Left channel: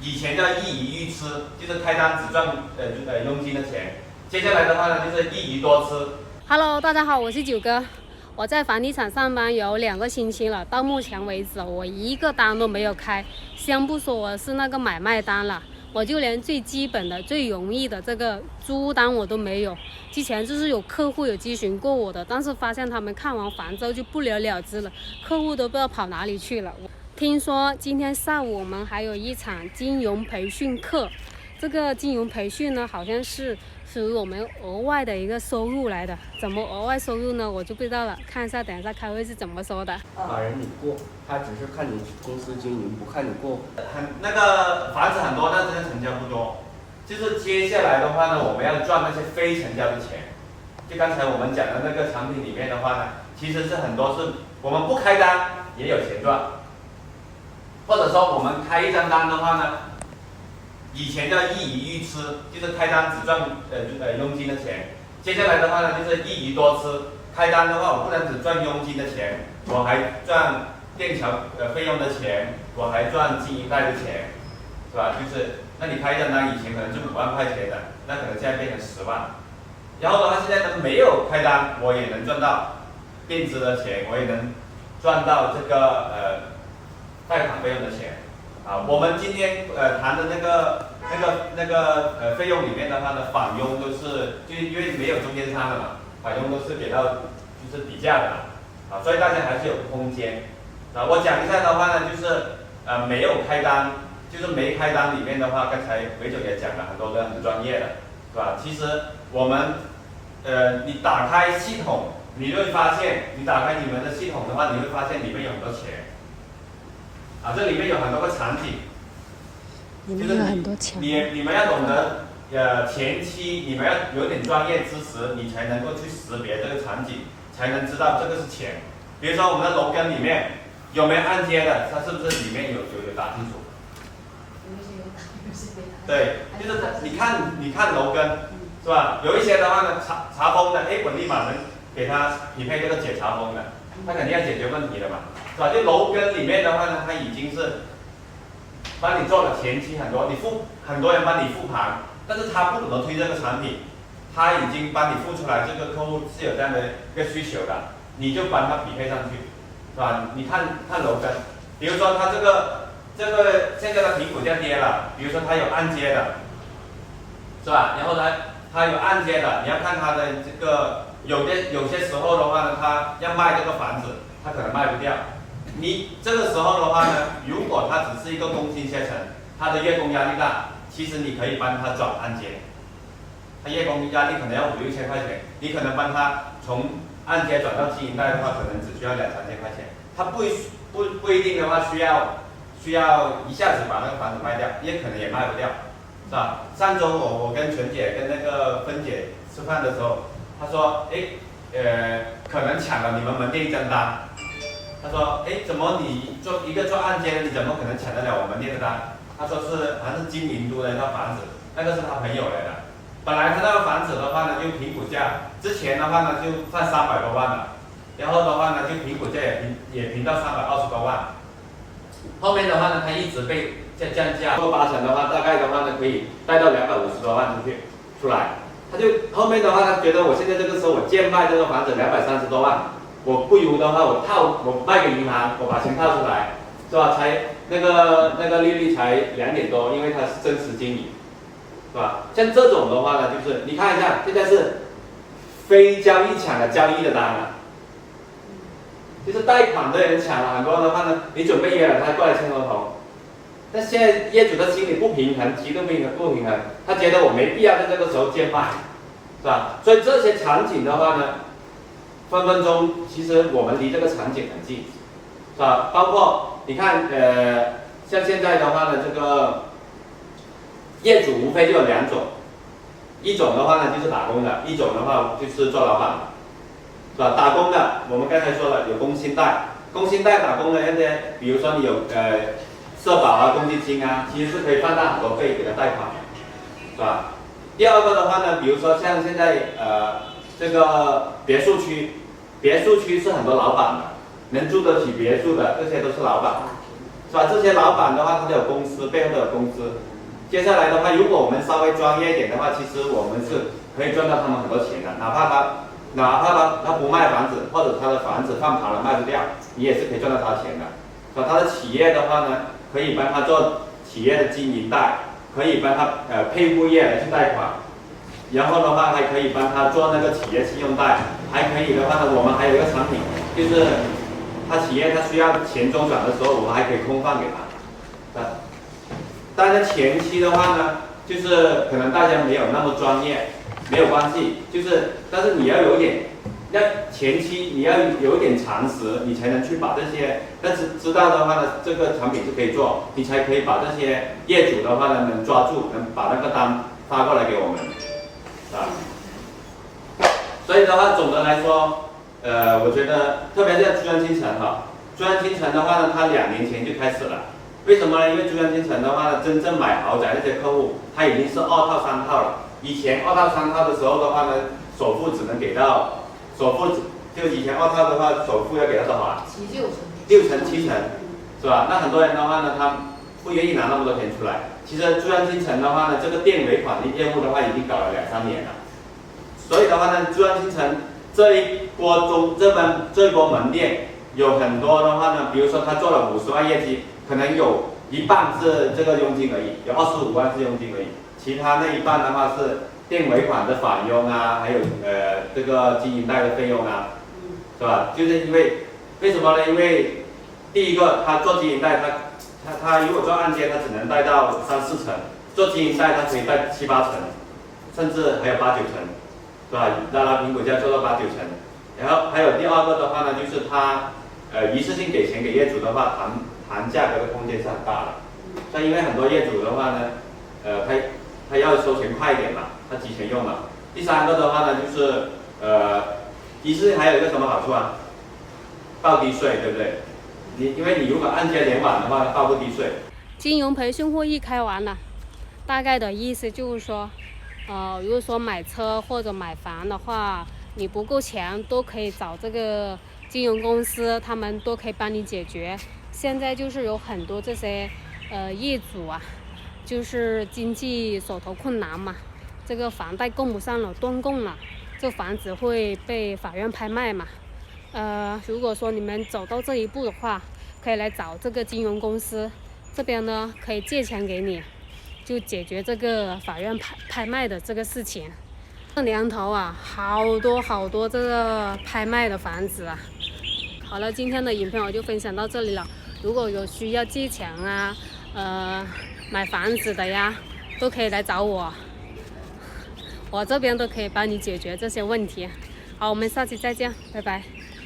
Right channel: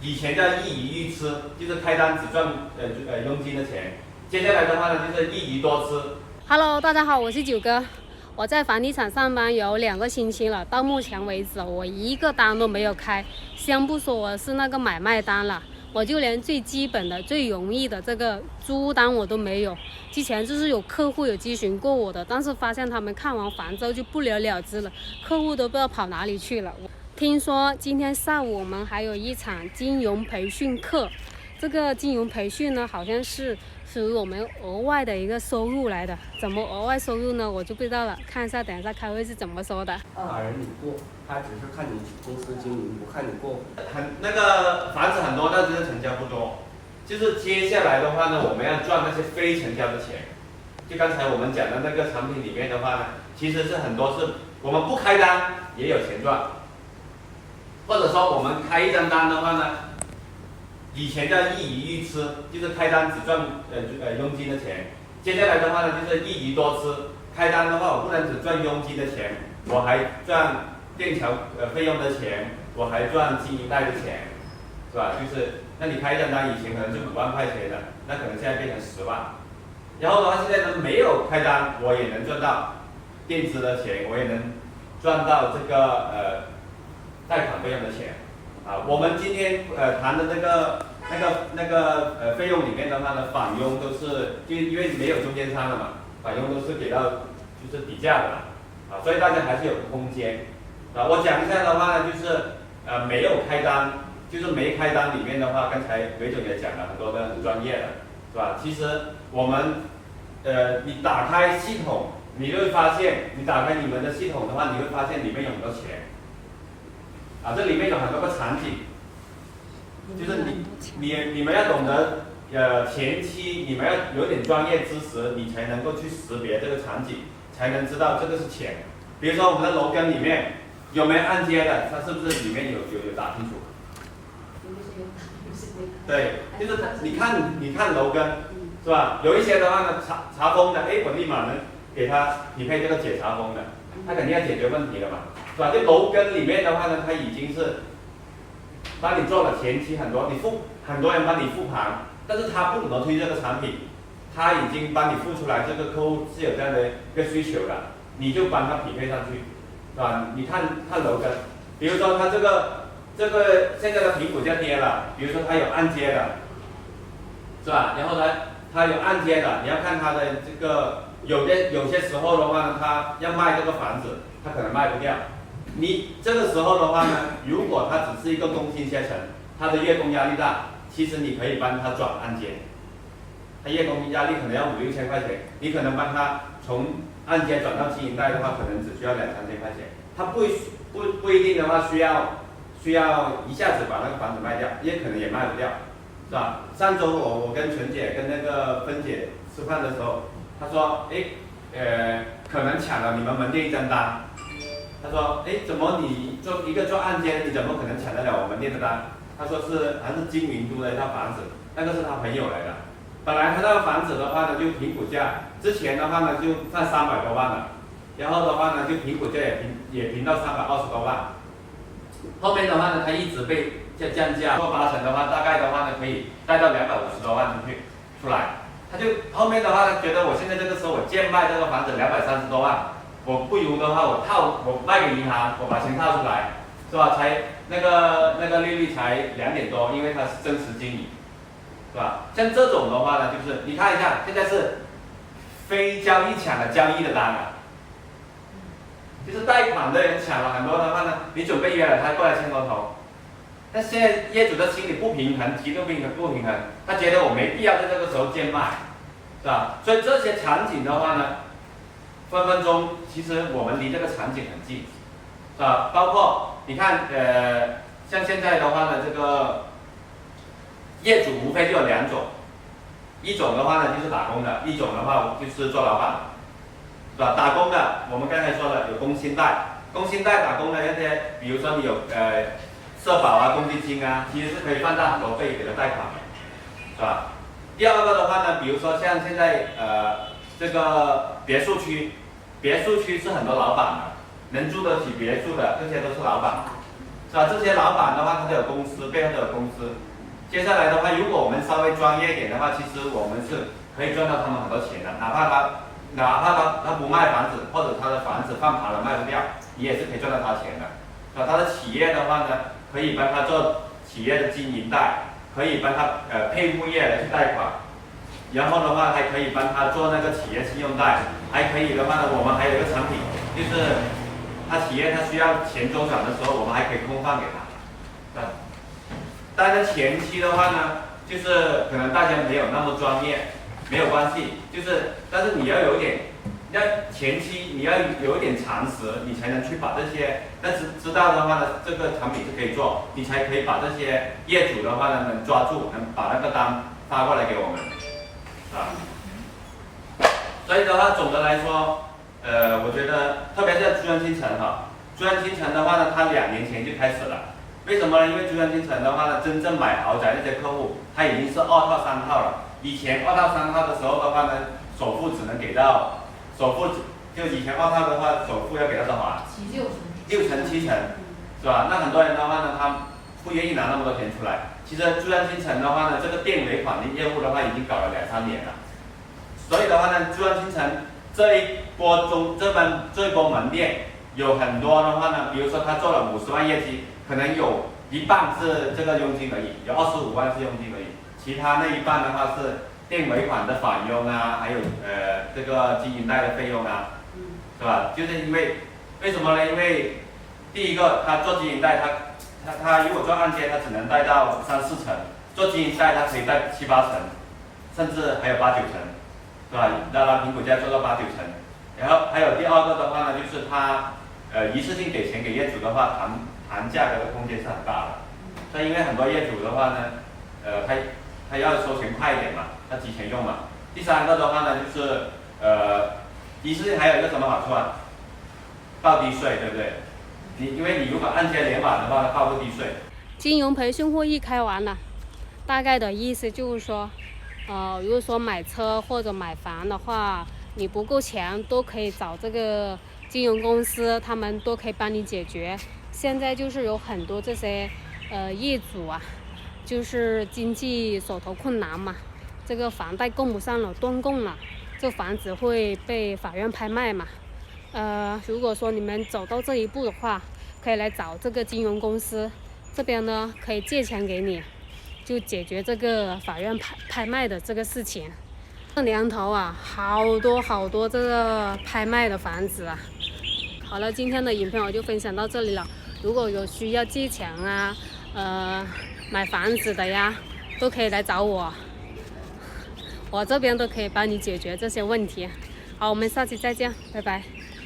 以前叫一鱼一吃，就是开单只赚佣金的钱。接下来的话呢，就是一鱼多吃。Hello， 大家好，我是九哥。我在房地产上班有2个星期了，到目前为止我一个单都没有开，先不说我是那个买卖单了，我就连最基本的、最容易的这个租单我都没有。之前就是有客户有咨询过我的，但是发现他们看完房之后就不了了之了，客户都不知道跑哪里去了。听说今天下午我们还有一场金融培训课，这个金融培训呢，好像是属于我们额外的一个收入来的。怎么额外收入呢？我就不知道了，看一下等一下开会是怎么说的。法人你过，他只是看你公司经营，不看你过。那个房子很多，但是成交不多。就是接下来的话呢，我们要赚那些非成交的钱。就刚才我们讲的那个产品里面的话呢，其实是很多是我们不开单也有钱赚。或者说我们开一张单的话呢，以前叫一鱼一吃，就是开单只赚佣金的钱。接下来的话呢，就是一鱼多吃。开单的话，我不能只赚佣金的钱，我还赚垫桥费用的钱，我还赚经营贷的钱，是吧？就是那你开一张单，以前可能就5万块钱的，那可能现在变成10万。然后的话，现在呢没有开单，我也能赚到垫资的钱，我也能赚到这个贷款费用的钱。啊，我们今天谈的那个费用里面的话呢，返佣都是就因为没有中间商了嘛，返佣都是给到就是底价的啊，所以大家还是有个空间。啊，我讲一下的话呢，就是没有开单，就是没开单里面的话，刚才韦总也讲了很多的很专业的，是吧？其实我们你打开系统，你会发现，你打开你们的系统的话，你会发现里面有很多钱。啊，这里面有很多个场景，就是你们要懂得前期你们要有点专业知识，你才能够去识别这个场景，才能知道这个是钱。比如说我们的楼根里面有没有按揭的，它是不是里面有打清楚？对，就是你看楼根是吧？有一些的话呢，查封的，我立马能给他匹配这个解查封的，他肯定要解决问题的嘛。是吧？就楼根里面的话呢，它已经是帮你做了前期很多，很多人帮你复盘，但是他不怎么推这个产品，他已经帮你付出来，这个客户是有这样的一个需求的，你就帮他匹配上去，是吧？你看楼根，比如说他这个现在的评估价跌了，比如说他有按揭的，是吧？然后他有按揭的，你要看他的这个有些时候的话呢，他要卖这个房子，他可能卖不掉。你这个时候的话呢，如果他只是一个工薪阶层，他的月供压力大，其实你可以帮他转按揭，他月供压力可能要5、6千块钱，你可能帮他从按揭转到经营贷的话，可能只需要2、3千块钱，他不一定的话需要一下子把那个房子卖掉，也可能也卖不掉，是吧？上周我跟纯姐跟那个芬姐吃饭的时候，她说，可能抢了你们门店一张单。他说：“怎么你做按揭的，你怎么可能抢得了我们店的单？”他说还是金明都的一套房子，那个是他朋友来的。本来他那个房子的话呢，就评估价，之前的话呢就放300多万了，然后的话呢就评估价也评到320多万。后面的话呢，他一直被降价，做8成的话，大概的话呢可以贷到250多万出来。他就后面的话呢，觉得我现在这个时候我贱卖这个房子230多万。我不如的话，我卖给银行，我把钱套出来，是吧？才那个利率才2点多，因为它是真实经理，是吧？像这种的话呢，就是你看一下，现在是非交易抢的交易的单了，就是贷款的人抢了很多的话呢，你准备约了他过来签合同，但现在业主的心理不平衡，极度不平衡，他觉得我没必要在这个时候贱卖，是吧？所以这些场景的话呢，分分钟，其实我们离这个场景很近，是吧？包括你看，像现在的话呢，这个业主无非就有2种，一种的话呢就是打工的，一种的话就是做老板的，是吧？打工的，我们刚才说了有工薪贷，工薪贷打工的那些，比如说你有社保啊、公积金啊，其实是可以放大很多倍给他贷款，是吧？第二个的话呢，比如说像现在这个别墅区是很多老板的，能住得起别墅的，这些都是老板。是吧？这些老板的话，他都有公司，背后都有公司。接下来的话，如果我们稍微专业一点的话，其实我们是可以赚到他们很多钱的，哪怕他不卖房子，或者他的房子放盘了卖不掉，你也是可以赚到他钱的。啊，他的企业的话呢，可以帮他做企业的经营贷，可以帮他配物业来去贷款，然后的话还可以帮他做那个企业信用贷，还可以的话呢，我们还有一个产品，就是他企业他需要钱周转的时候，我们还可以空放给他。啊，但是前期的话呢，就是可能大家没有那么专业，没有关系，就是但是你要有点。要前期你要有一点常识，你才能去把这些，但是知道的话呢，这个产品是可以做，你才可以把这些业主的话呢能抓住，能把那个单发过来给我们，啊。所以的话，总的来说，我觉得特别是珠江新城哈，珠江新城的话呢，它2年前就开始了。为什么？因为珠江新城的话呢，真正买豪宅那些客户，他已经是2套3套了。以前2套3套的时候的话呢，首付只能给到。首付就以前2套的话，首付要给到多少？6成7成，是吧？那很多人的话呢，他不愿意拿那么多钱出来。其实珠江新城的话呢，这个店尾款的业务的话，已经搞了2、3年了。所以的话呢，珠江新城这一波门店有很多的话呢，比如说他做了50万业绩，可能有一半是这个佣金而已，有25万是佣金而已，其他那一半的话是。店尾款的返佣啊，还有这个经营贷的费用啊，是吧？就是因为什么呢？因为第一个，他做经营贷，他如果做按揭，他只能贷到3、4成；做经营贷，他可以贷7、8成，甚至还有8、9成，是吧？拉平股价做到8、9成。然后还有第二个的话呢，就是他一次性给钱给业主的话，谈价格的空间是很大的。但因为很多业主的话呢，他要收钱快一点嘛。他提前用了。第3个的话呢，就是一次性还有一个什么好处啊？报低税，对不对？因为你如果按揭连晚的话，报不低税。金融培训会议开完了，大概的意思就是说，如果说买车或者买房的话，你不够钱都可以找这个金融公司，他们都可以帮你解决。现在就是有很多这些业主啊，就是经济手头困难嘛。这个房贷供不上了，断供了，这房子会被法院拍卖嘛？如果说你们走到这一步的话，可以来找这个金融公司，这边呢可以借钱给你，就解决这个法院拍卖的这个事情。这年头啊，好多这个拍卖的房子啊。好了，今天的影片我就分享到这里了。如果有需要借钱啊，买房子的呀，都可以来找我。我这边都可以帮你解决这些问题。好，我们下期再见，拜拜。